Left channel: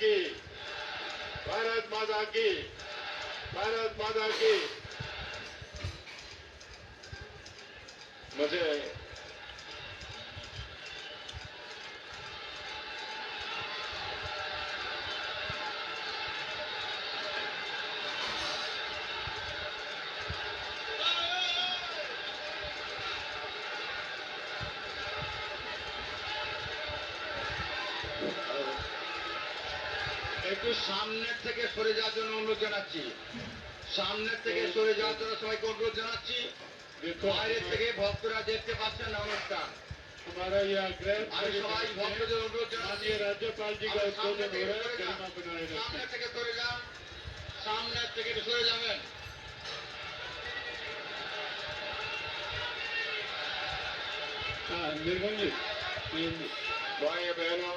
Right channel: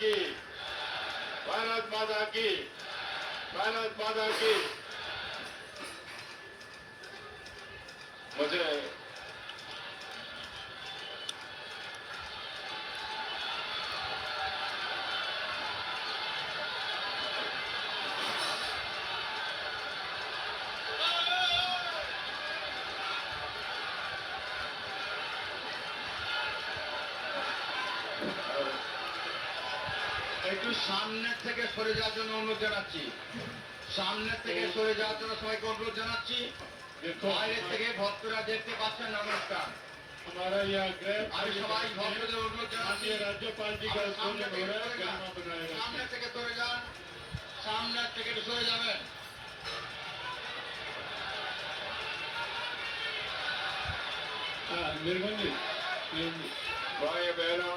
की, भारत माता की, भारत माता की। मुझे একটু সামনের থেকে সরে যাওয়ার জন্য অনুরোধ জানাচ্ছি। সামনের থেকে সরে যাওয়ার জন্য সবাইকে অনুরোধ জানাচ্ছি। বাইরে থেকে ভক্তরা দেখতে পাচ্ছেন না অনুষ্ঠান। हमारा यह आग्रह আমি সবাই ভক্তদের অনুরোধ জানাচ্ছি, माननीय राज्यपाल जी का उद्बोधन हो रहा है, गरिमा बनाए সামনে रखें। থেকে সরে যান, সামনের থেকে একটু সরে যাবেন। निर्मल जी, भाई बहनों,